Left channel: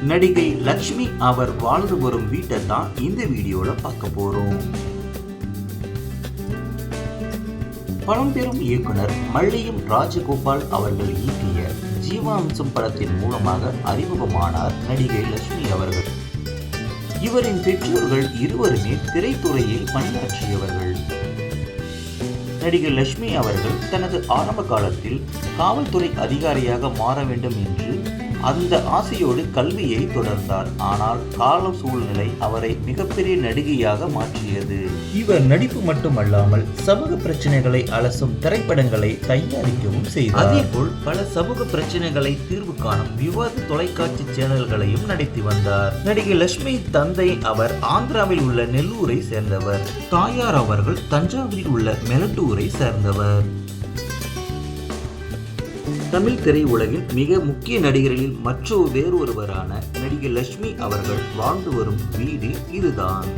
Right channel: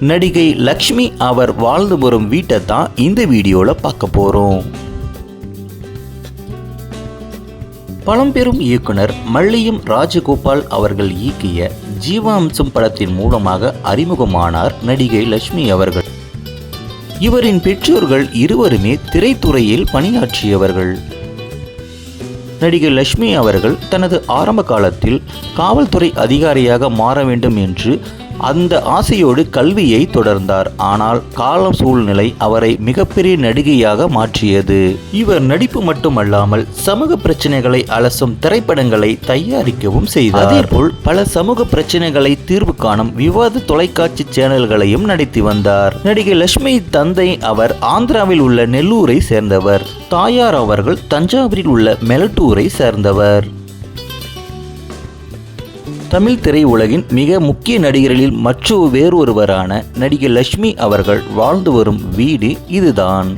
நடிகை லக்ஷ்மி அவர் வாழ்ந்து வரும் வீட்டை தான் இந்த வீடியோவில் பார்க்க போகிறோம். பழம்பெரும் இயக்குனர் மல்லியம் ராஜகோபால் அவர்கள் இயக்கிய ஜீவாம்சம் படத்தின் மூலமாக அறிமுகமானார் நடிகை லக்ஷ்மி அவர்கள். இவரின் பெற்றோர்கள் இருவருமே திரைத்துறையில் பணியாற்றியவர்கள். நடிகை லக்ஷ்மி அவர்கள் தனது ஆரம்ப காலத்தில் காவல்துறை அதிகாரியாக மாற வேண்டும் என்று அந்த ஆசையோடு கல்வியை தொடர்ந்தார். ஆனால் காலம் சூழ்நிலை அவரை மிகப்பெரிய நடிகையாக மாற்றியது. இவர் நடிப்பு மட்டுமல்லாமல் சமூக பிரச்சனைகளை அலசும் திரைப்படங்களை தயாரிக்கவும் செய்தார். அதேபோல் பல சமூக பிரச்சனைகளை தீர்வு காணும் விவாத தொலைக்காட்சி சேனல்களையும் நடத்தி வந்தார். நடிகை லட்சுமி தந்தை அவர் ஆந்திராவில் உள்ள நெல்லூரை சேர்ந்தவர். தாயார் அவர்கள் தஞ்சாவூரில் உள்ள மெலட்டூரை சேர்ந்தவர். தமிழ் திரையுலகின் மிக முக்கிய நடிகர்களில் வேறொருவரான நடிகை லக்ஷ்மி அவர்கள் வாழ்ந்து வரும் வீடு இதுதான்.